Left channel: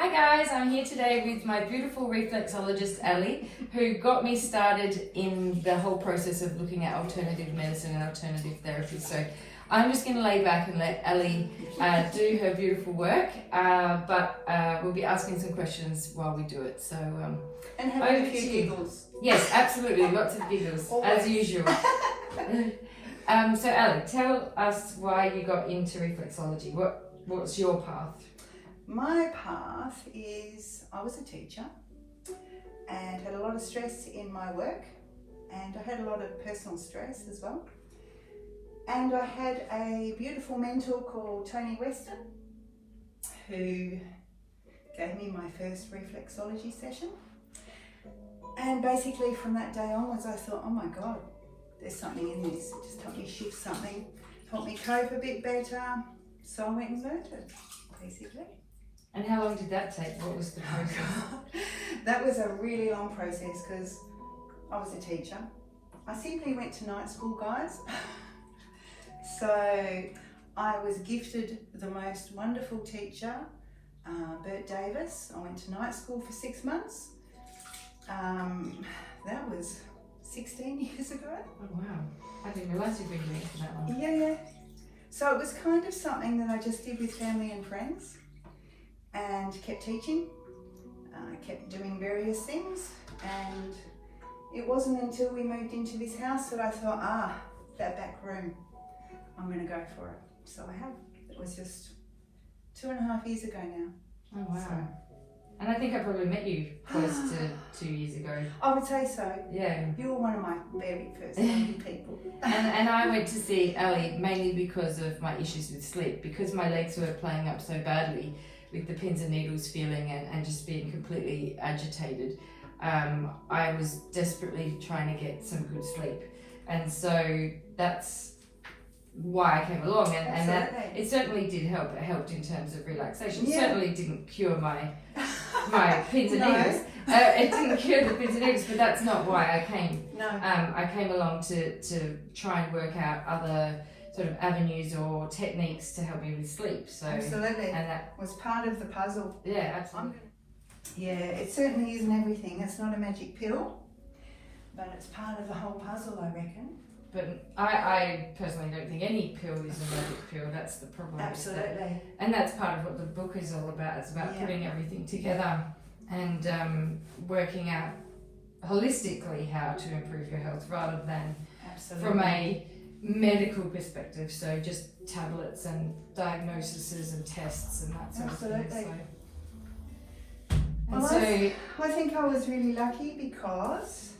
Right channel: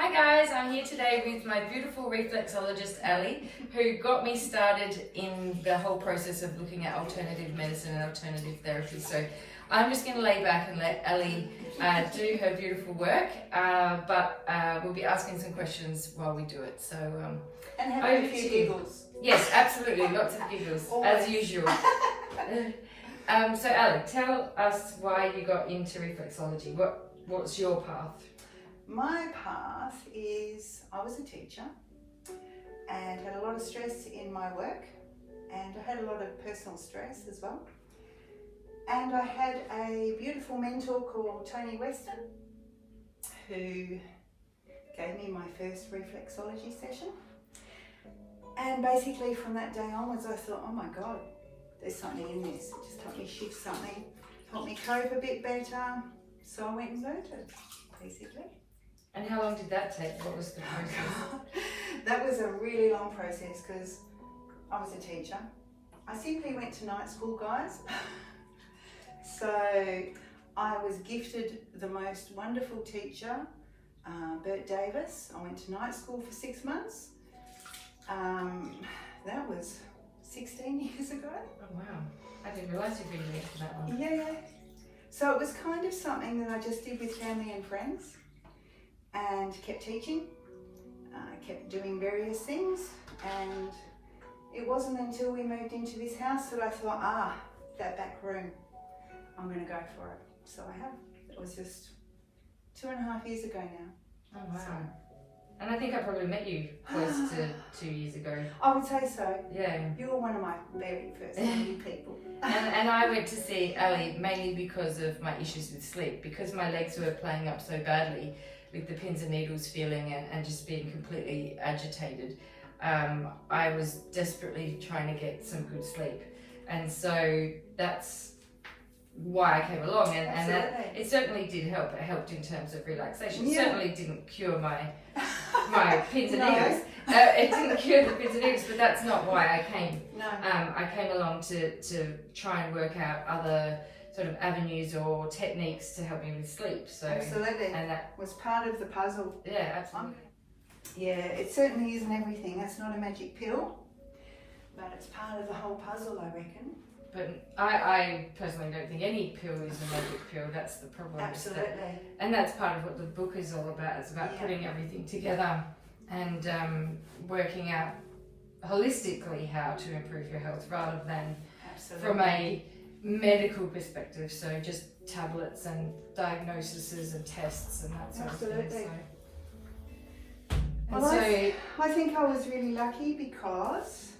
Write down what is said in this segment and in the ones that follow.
Hi guys, I'm here today with my beautiful reflexologist Ali, who got me started in the whole process of looking at alternative medicine and alternative therapy. So I'm just going to lay back and let Ali do her beautiful work, but we'll be asking some questions while we do it. So and have a few giggles. Yes, absolutely, lots of giggles as usual. So Ali, tell us why you got into reflexology. What's your path? My path is I was a teacher and had a lot of stress in my work, and I had a lot of personal stress as well. And I had a beautiful mentor called Tony Weston who gave me my first reflexology session. And basically from that day onwards I thought, oh my God, there's something in this. It just helped me shift something, helped me cope a bit better. So I went and learned it, basically. And how long did that take? What was the process? That was a really long process because I was a teacher. I simply went to night school, guys. So I was gifted the most wonderful teacher, Bert Davis. I went to night school for 6 months. That was 16 years ago. Oh wow, I didn't realise you'd been doing for that long. Yeah. So it was kind of something that I just did with family and friends and kept teaching, kept doing various things, and it wasn't until we moved into this house that I thought, that back room, I'm going to go for it. So I have. It was just 2.5 years ago now. Oh wow. So, and I think I probably met you close to 2 years ago. I would say so. Yeah. You were one of my very first people. And I went to see Ali mainly because of my issues with sleep, because my legs were playing up so badly with the pins and needles feeling and just being completely agitated. I was desperately trying to get some good sleep. And so that's why I came along, and that it certainly did help. It helped in terms of relaxation. It certainly didn't cure my pins and needles. It didn't cure the pins and needles, but that's not why I came. No. I came along to try and work out other sort of avenues or techniques to help me with sleep. So absolutely, and that was part of the puzzle. Yeah, absolutely. Yeah, it certainly isn't everything. It's not a magic pill, but it's part of the whole puzzle, I reckon. But I personally don't think any pill is a magic pill. That's the problem. Absolutely. And that's part of what the book is all about. It's about putting everything together and working out holistically how to improve your health rather than from a medical perspective. So just tablets and diagnoses and tests and that sort of thing. I think I was really lucky because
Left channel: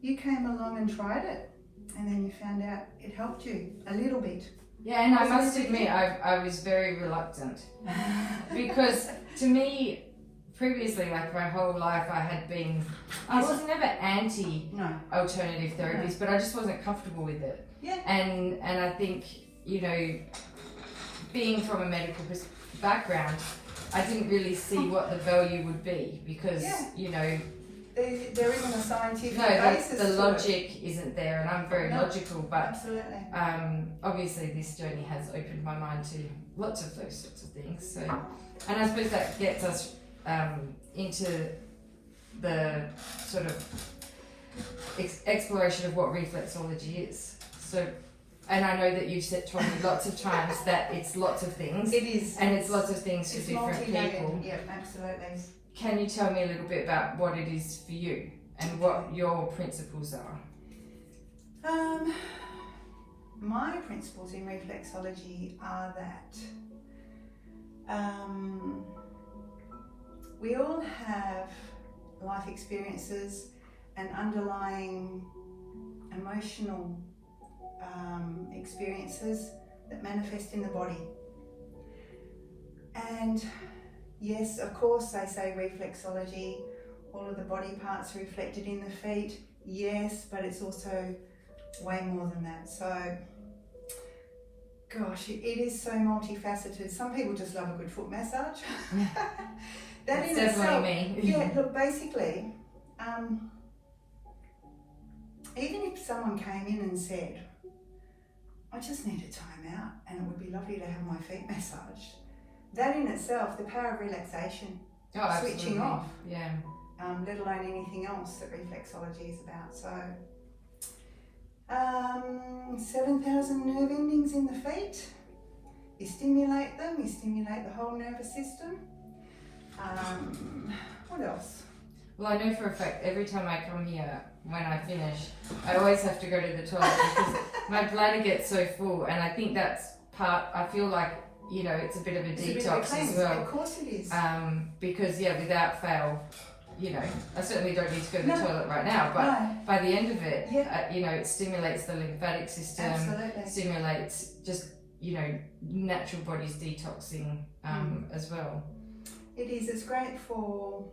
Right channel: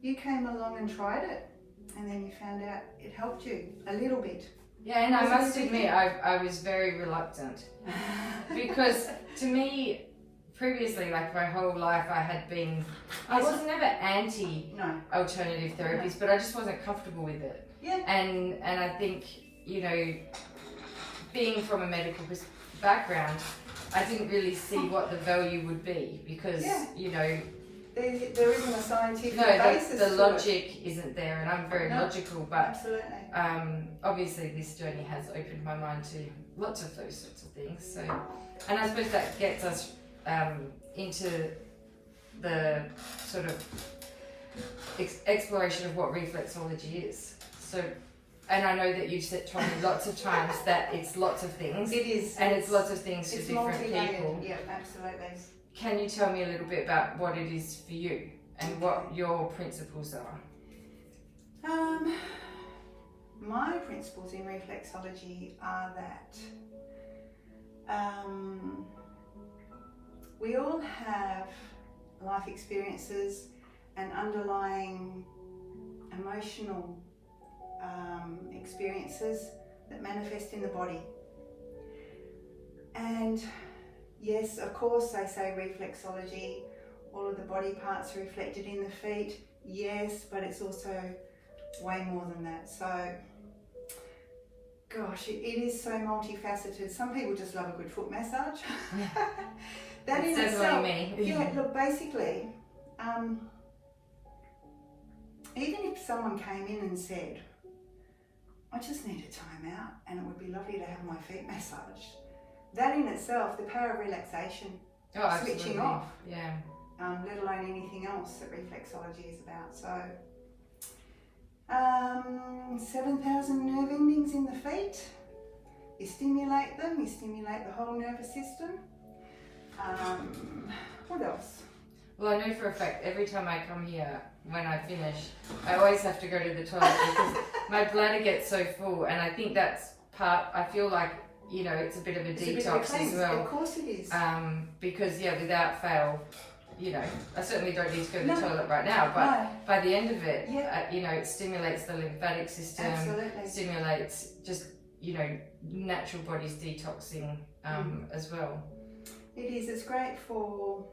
you came along and tried it. And then you found out it helped you a little bit. Yeah, and I must admit, I was very reluctant because to me, previously, like my whole life, I was never anti-alternative therapies, but I just wasn't comfortable with it. Yeah. And I think, being from a medical background, I didn't really see what the value would be because, there isn't a scientific basis. The logic isn't there, and I'm very logical, but absolutely. Obviously this journey has opened my mind to lots of those sorts of things. So, and I suppose that gets us into the sort of exploration of what reflexology is. So, and I know that you've told me lots of times that it's lots of things. It is, and it's lots of things for different people. Yeah, absolutely. Can you tell me a little bit about what it is for you and what your principles are? My principles in reflexology are that we all have life experiences and underlying emotional experiences that manifest in the body. And yes, of course, they say reflexology, all of the body parts are reflected in the feet. Yes, but it's also way more than that. So, gosh, it is so multifaceted. Some people just love a good foot massage. That's definitely me. Yeah, look, basically, even if someone came in and said, I just need a time out and it would be lovely to have my feet massaged, that in itself, the power of relaxation, switching absolutely. off, Yeah. let alone anything else that reflexology is about. So, 7,000 nerve endings in the feet. You stimulate them, you stimulate the whole nervous system. What else? Well, I know for a fact every time I come here, when I finish, I always have to go to the toilet because my bladder gets so full, and I think that's part. I feel like it's a bit of a detox as well. Of course it is. Because without fail, I certainly don't need to go to the toilet right now, but by the end of it, it stimulates the lymphatic system, Absolutely. stimulates just natural body's detoxing as well. It is. It's great for,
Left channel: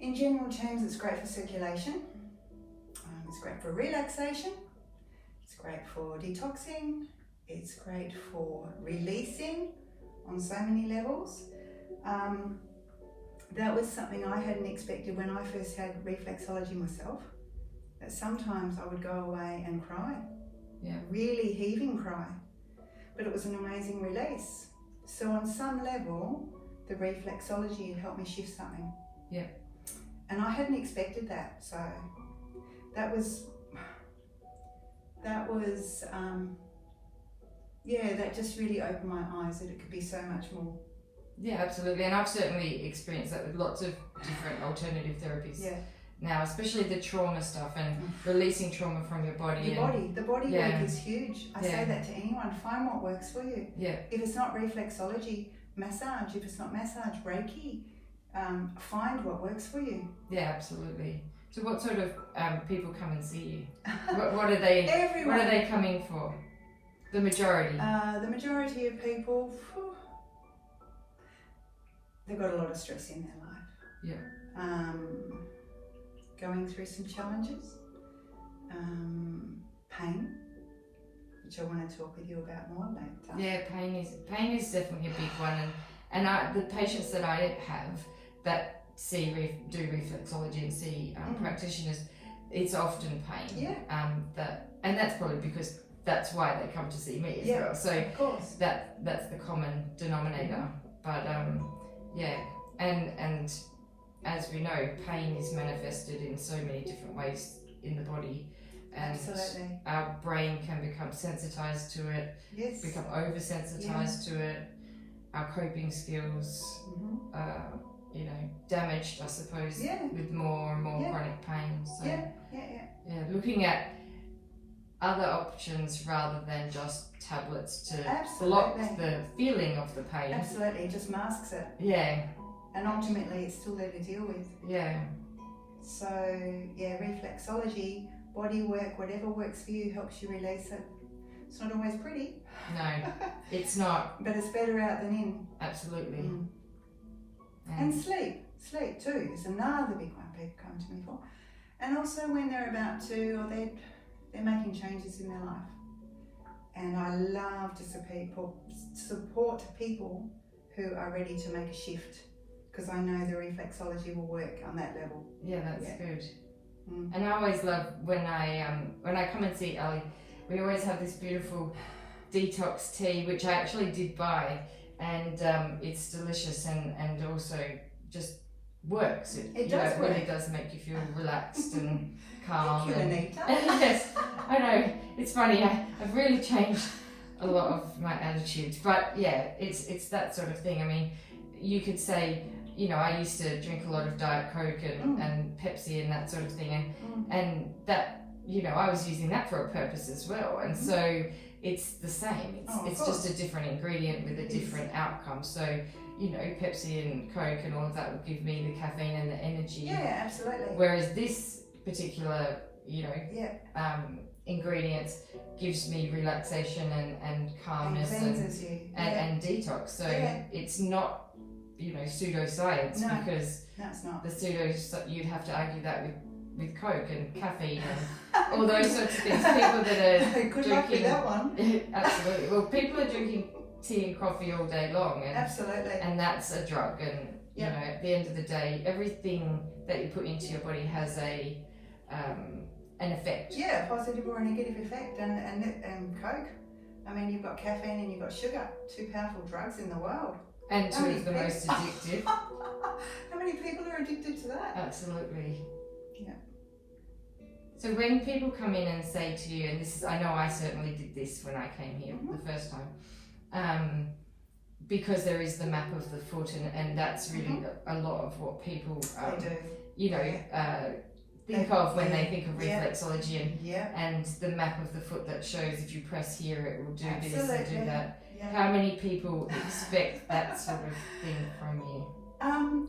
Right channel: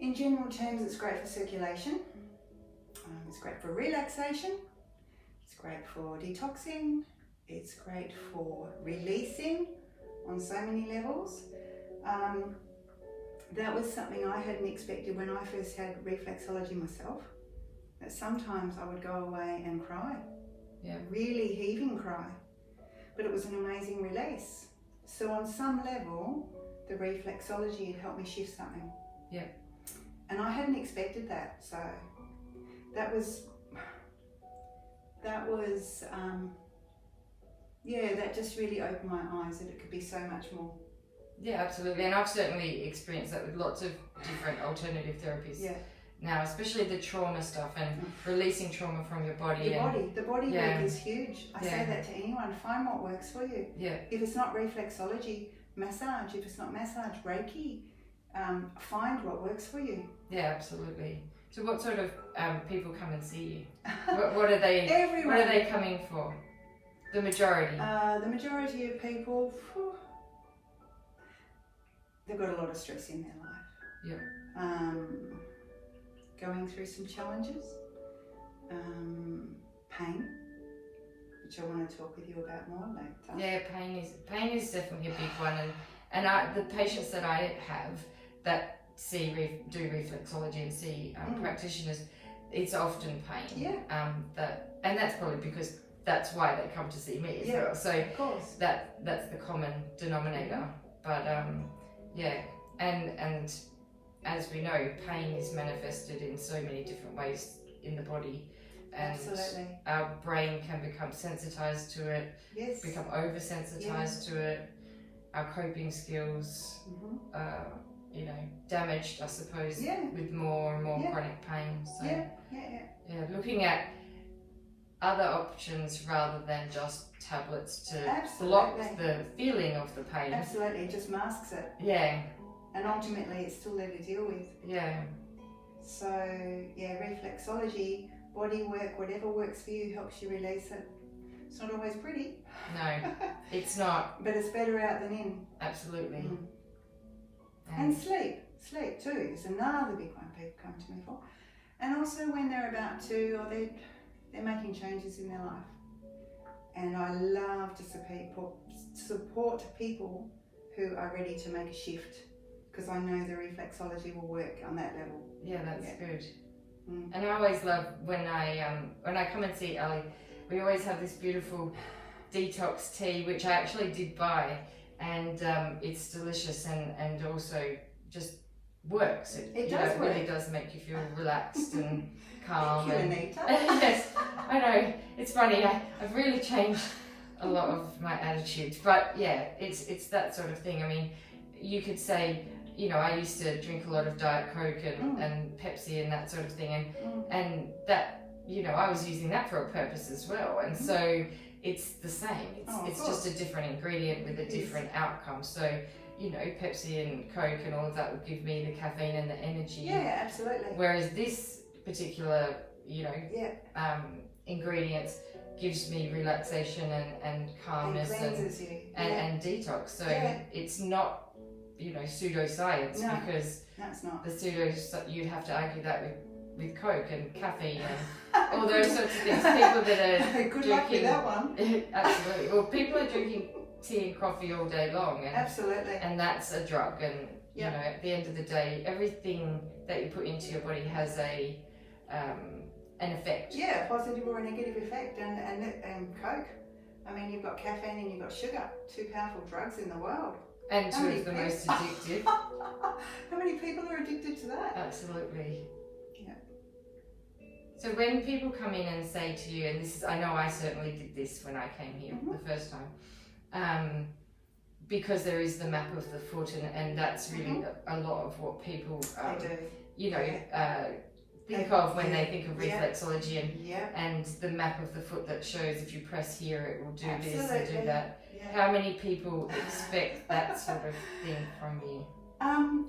in general terms, it's great for circulation. It's great for relaxation. It's great for detoxing. It's great for releasing on so many levels. That was something I hadn't expected when I first had reflexology myself. That sometimes I would go away and cry. Yeah. Really heaving cry. But it was an amazing release. So on some level, the reflexology had helped me shift something. Yeah. And I hadn't expected that. So that was that just really opened my eyes that it could be so much more. Yeah, absolutely. And I've certainly experienced that with lots of different alternative therapies. Yeah. Now, especially the trauma stuff and releasing trauma from your body. The body work is huge. I say that to anyone. Find what works for you. Yeah. If it's not reflexology, massage. If it's not massage, Reiki. Find what works for you. Yeah, absolutely. So, what sort of people come and see you? What are they? Everyone. What are they coming for? The majority. The majority of people, they've got a lot of stress in their life. Yeah. Going through some challenges, pain, which I want to talk with you about more later. Yeah, pain is definitely a big one, and the patients that I have that do reflexology and see practitioners, it's often pain. Yeah. And that's probably because that's why they come to see me as well. So of course. that's the common denominator. But and as we know, pain is manifested in so many different ways in the body, and Absolutely. our brain can become sensitized to it, Yes. become oversensitized to it. Our coping skills, damaged, I suppose, with more and more chronic pain. So looking at other options rather than just tablets to block the feeling of the pain. Absolutely, it just masks it. Yeah. And ultimately it's still there to deal with. Yeah. So, reflexology, body work, whatever works for you helps you release it. It's not always pretty. No, it's not. But it's better out than in. Absolutely. And sleep too is another big one people come to me for. And also when they're about to, or they're making changes in their life. And I love to support people who are ready to make a shift, because I know the reflexology will work on that level. Yeah, that's good. And I always love when I come and see Ali, we always have this beautiful detox tea, which I actually did buy, and it's delicious and also just works. It really does make you feel relaxed and calm. Thank you, Anita. Yes, I know. It's funny. I've really changed a lot of my attitude, but yeah, it's that sort of thing. I mean, you could say, I used to drink a lot of Diet Coke and Pepsi and that sort of thing, and that, I was using that for a purpose as well, and so it's the same. It's just a different ingredient with a different outcome. So, Pepsi and Coke and all of that would give me the caffeine and the energy. Yeah, absolutely. Whereas this particular, ingredient gives me relaxation and calmness and detox. So it's not, pseudoscience, because that's not. The you'd have to argue that with Coke and caffeine and all those sorts of things. People that are Good drinking, luck with that one. Absolutely. Well, people are drinking tea and coffee all day long, and absolutely, and that's a drug. And at the end of the day, everything that you put into your body has an effect. Yeah, a positive or a negative effect. And Coke, I mean, you've got caffeine and you've got sugar, two powerful drugs in the world. And two of the most addictive. How many people are addicted to that? Absolutely. Yeah. So when people come in and say to you, and this is, I know I certainly did this when I came here the first time, because there is the map of the foot, and that's really a lot of what people, They do. you know, think of when they think of reflexology and the map of the foot that shows if you press here it will do this and do that. Yeah. How many people expect that sort of thing from you?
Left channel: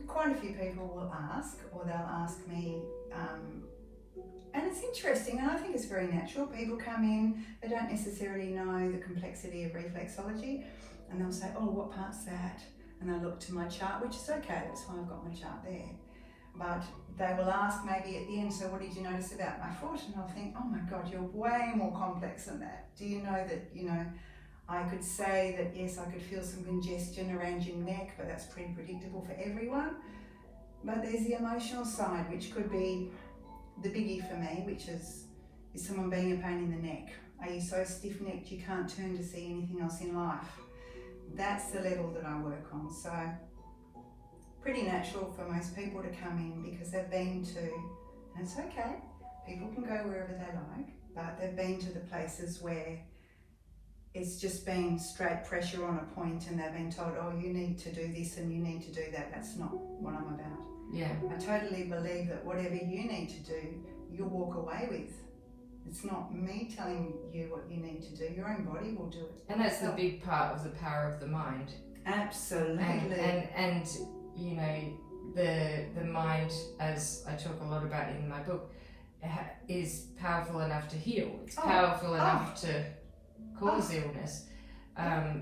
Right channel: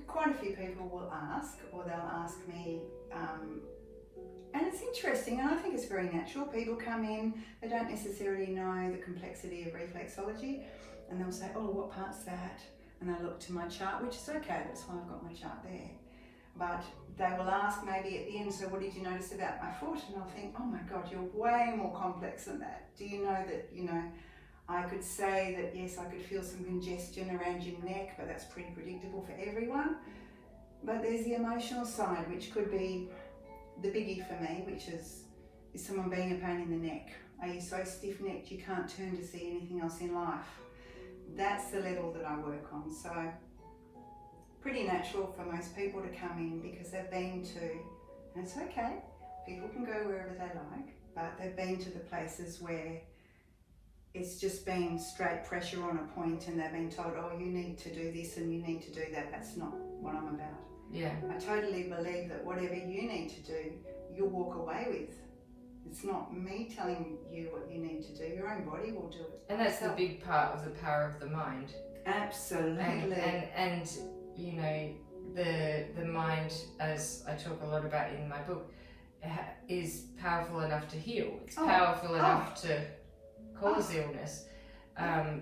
Quite a few people will ask, or they'll ask me, and it's interesting, and I think it's very natural. People come in, they don't necessarily know the complexity of reflexology, and they'll say, oh, what part's that? And I look to my chart, which is okay, that's why I've got my chart there. But they will ask maybe at the end, so what did you notice about my foot? And I'll think, oh my God, you're way more complex than that. Do you know that, I could say that yes, I could feel some congestion around your neck, but that's pretty predictable for everyone. But there's the emotional side, which could be the biggie for me, which is someone being a pain in the neck? Are you so stiff-necked you can't turn to see anything else in life? That's the level that I work on. So pretty natural for most people to come in because they've been to, and it's okay, people can go wherever they like, but they've been to the places where it's just been straight pressure on a point and they've been told, oh, you need to do this and you need to do that. That's not what I'm about. Yeah. I totally believe that whatever you need to do, you'll walk away with. It's not me telling you what you need to do. Your own body will do it. And that's the big part of the power of the mind. Absolutely. And you know, the mind, as I talk a lot about in my book, is powerful enough to heal. It's powerful enough to cause illness.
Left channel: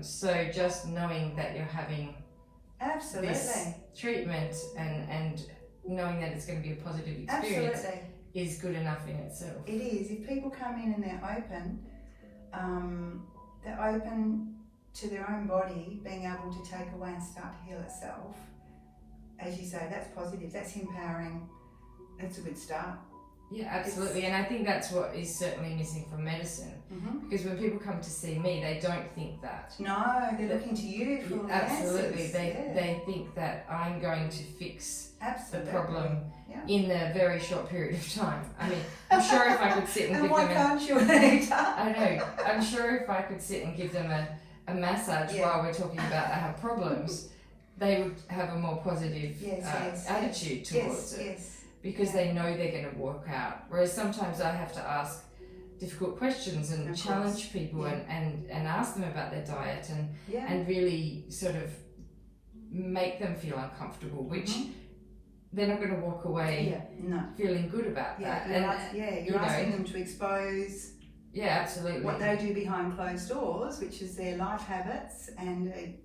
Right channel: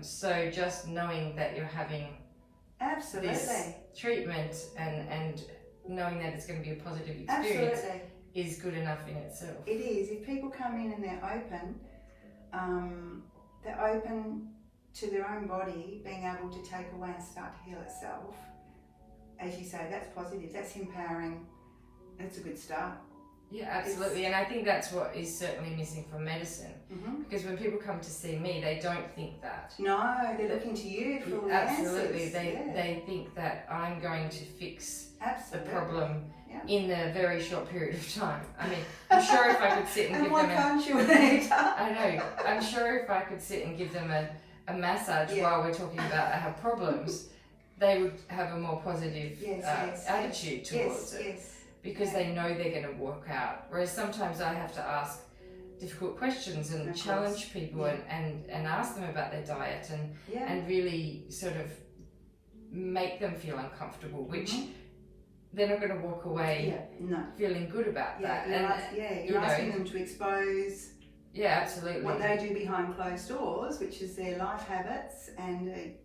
So just knowing that you're having this treatment and knowing that it's going to be a positive experience is good enough in itself. It is. If people come in and they're open to their own body being able to take away and start to heal itself, as you say, that's positive, that's empowering, that's a good start. Yeah, absolutely. And I think that's what is certainly missing from medicine. Because when people come to see me, they don't think that. No, they're looking to you for the absolutely. answers. They think that I'm going to fix the problem in a very short period of time. I mean, I'm sure if I could sit and give them why can't you, Anita? I know. I'm sure if I could sit and give them a massage while we're talking about they have problems, they would have a more positive attitude towards it. Because they know they're going to walk out. Whereas sometimes I have to ask difficult questions and challenge people and ask them about their diet and really sort of make them feel uncomfortable, which they're not going to walk away feeling good about that. You're asking them to expose absolutely what they do behind closed doors, which is their life habits, and they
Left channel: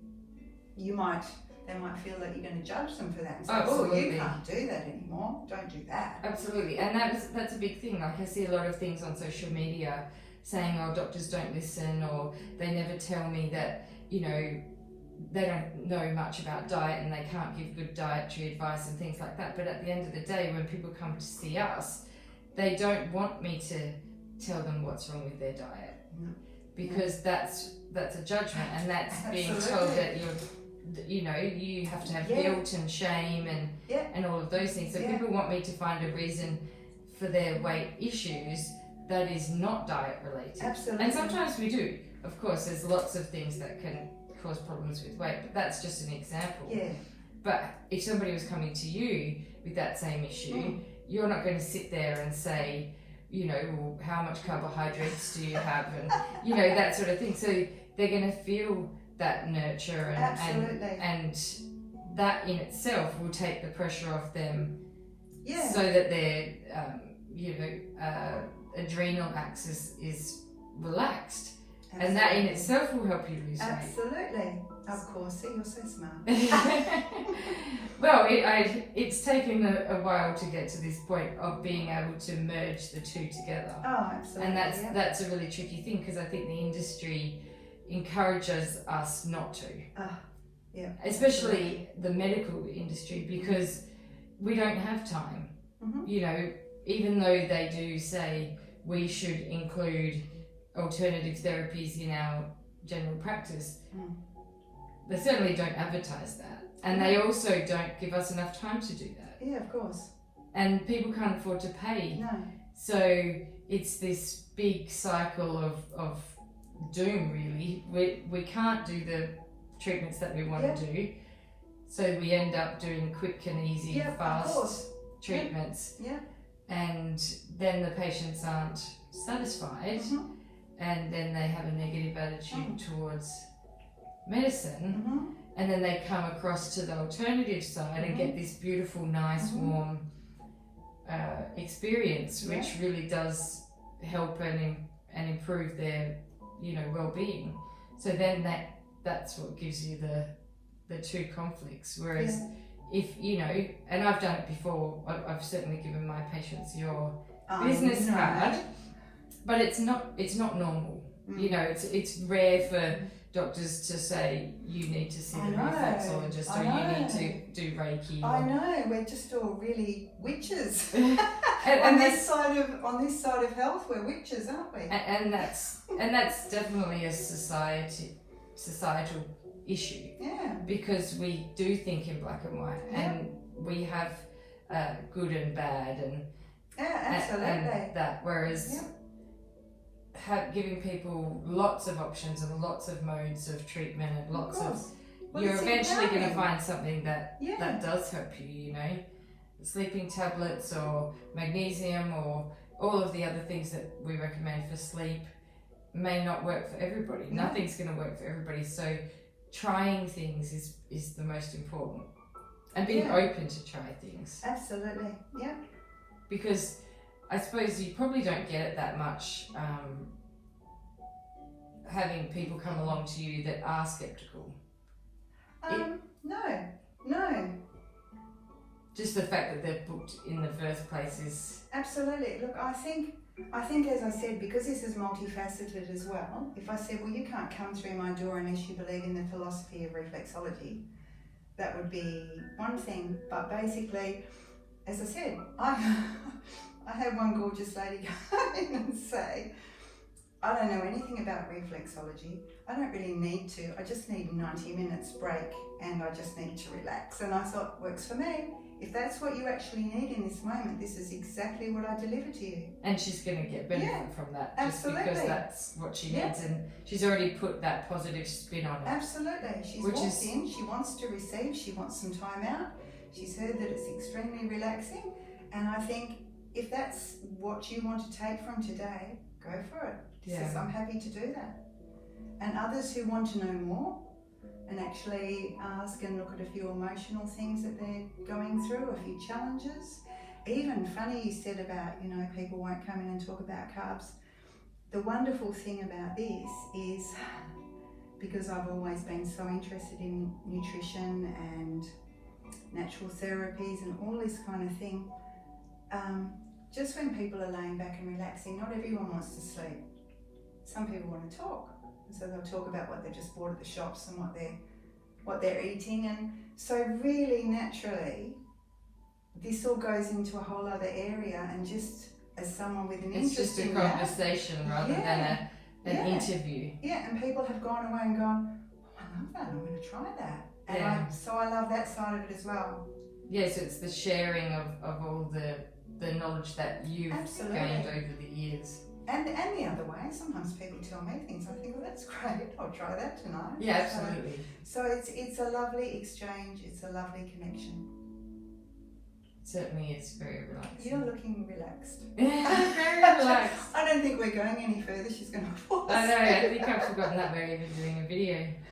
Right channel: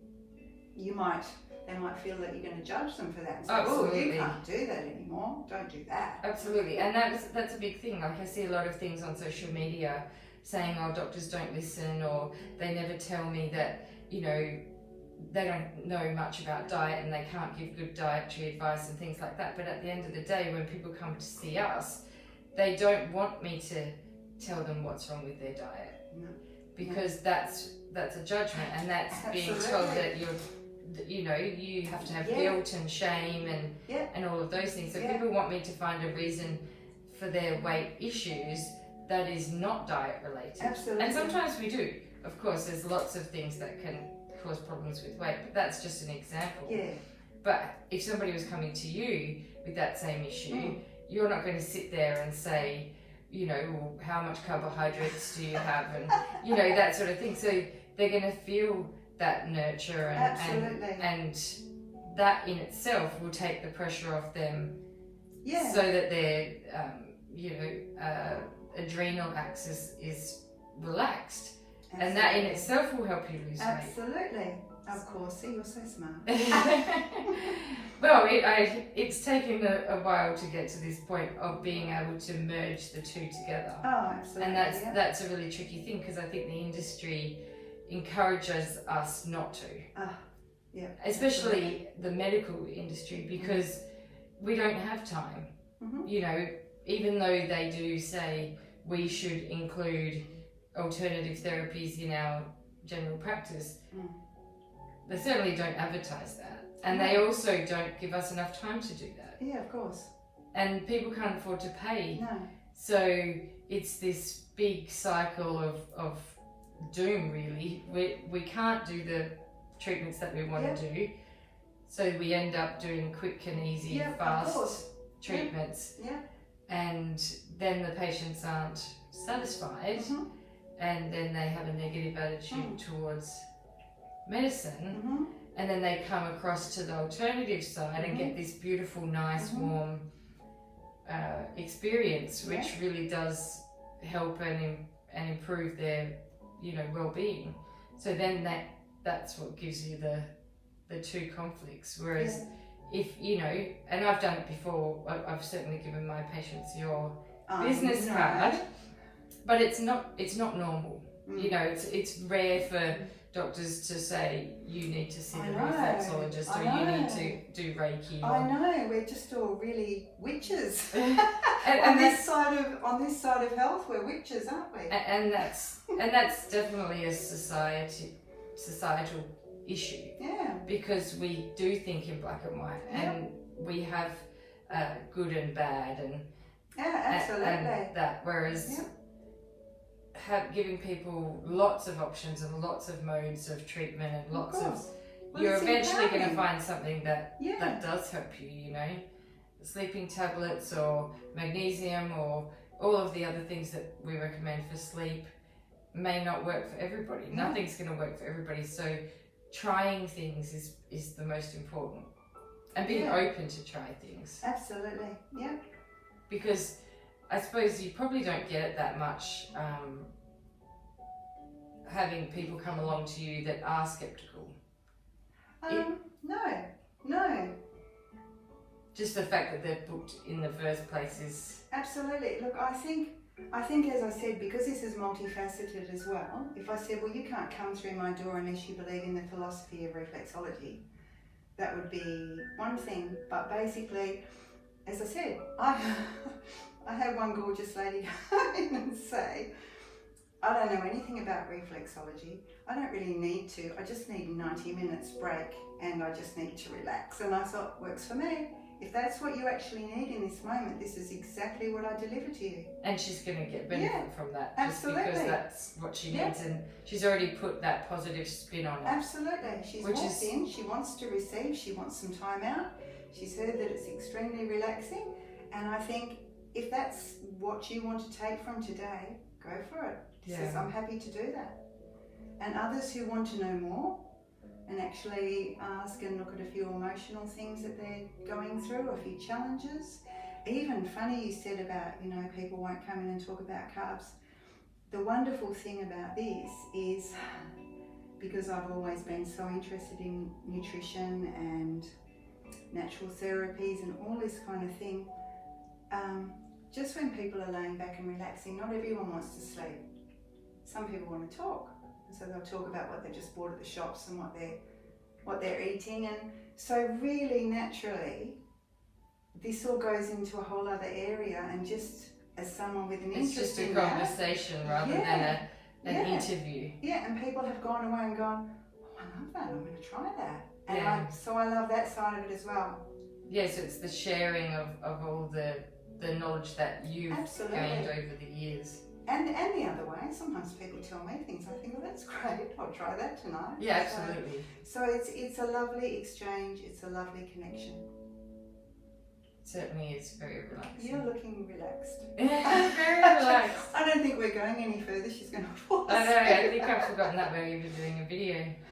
might feel that you're going to judge them for that and say, oh, you can't do that anymore, don't do that. Absolutely, and that's a big thing. Like I see a lot of things on social media saying, oh, doctors don't listen, or they never tell me that, they don't know much about diet and they can't give good dietary advice and things like that. But at the end of the day, when people come to see us, they don't want me to tell them what's wrong with their diet. Because that's a judgment, and that's being told that you have to have guilt and shame and all of those things. So people want me to find a reason for their weight issues that is not diet related. Absolutely. And sometimes we do. Of course, there's lots of things that can cause problems with weight, but that's just an example. But if somebody was coming to you with that same issue, you're not going to sit there and say, well, how much carbohydrates do you have, and that sort of thing. So they're going to feel that nurture and that in itself will take the pressure off them, so that their adrenal axis is relaxed. And that in itself will help you lose weight. Absolutely. Of course, see, you're so smart. Well, it's taken a while to get to this point of being able to merge the two together. Oh, absolutely. And that's a really tricky thing, because I think the industry encourages us not to. Especially the medical industry, because we don't have time. Even though they do say we should include alternative therapies in our general practice, Mm. they certainly don't advertise that. And they also don't give us enough time to do that. Yeah, of course. And people can't afford to pay. No. So it's this big cycle of doom, really. We can't do the treatments that we want to do. So we end up doing quick and easy, fast treatments. Yeah. And then the patients aren't satisfied, and then they have a negative attitude towards medicine, and then they come across to the alternative side and get this beautiful, nice, warm experience, which really does help and improve their, well-being. So then that's what gives you the two conflicts. Whereas if and I've done it before, I've certainly given my patients your business card, but it's not normal. It's rare for doctors to say you need to see a reflexologist or you need to do Reiki. I know, we're just all really witches. and on this side of health, we're witches, aren't we? And that's definitely a societal issue. Yeah. Because we do think in black and white, and we have good and bad, and absolutely. and that. Whereas giving people lots of options and lots of modes of treatment and lots of you're eventually going to find something that does help you. Sleeping tablets or magnesium or all of the other things that we recommend for sleep may not work for everybody. Nothing's going to work for everybody. So trying things is the most important, and being open to try things. Absolutely, yeah. Because I suppose you probably don't get it that much having people come along to you that are skeptical. No. Just the fact that they're booked in the first place is... Absolutely. Look, I think as I said, because this is multifaceted as well, if I said, well, you can't come through my door unless you believe in the philosophy of reflexology, that would be one thing. But basically, as I said, I had one gorgeous lady come in and say, I don't know anything about reflexology. I don't really need to. I just need 90 minutes break and I just need to relax. And I thought, works for me. If that's what you actually need in this moment, this is exactly what I deliver to you. And she's going to get benefit from that. Absolutely. Just because that's what she needs, and she's already put that positive spin on it. Absolutely. She's walked in, she wants to receive, she wants some time out. She's heard that it's extremely relaxing. And I think if that's what you want to take from today, go for it. She says, I'm happy to do that. And others who want to know more and actually ask and look at a few emotional things that they're going through, a few challenges. Even funny you said about, people won't come in and talk about carbs. The wonderful thing about this is, because I've always been so interested in nutrition and natural therapies and all this kind of thing, just when people are laying back and relaxing, not everyone wants to sleep. Some people want to talk. So they'll talk about what they just bought at the shops and what they're eating, and so really naturally this all goes into a whole other area. And just as someone with an interest in that, it's just a conversation rather than an interview. Yeah, and people have gone away and gone, oh, I love that, I'm going to try that. And so I love that side of it as well. Yes, it's the sharing of all the knowledge that you've gained over the years. And the other way, sometimes people tell me things, I think, well, that's great, I'll try that tonight. Yeah, absolutely. So it's a lovely exchange, it's a lovely connection. It certainly is very relaxing. You're looking relaxed. Very relaxed. I don't think we're going any further, she's going to fall asleep. I know, I think I've forgotten that we're even doing a video.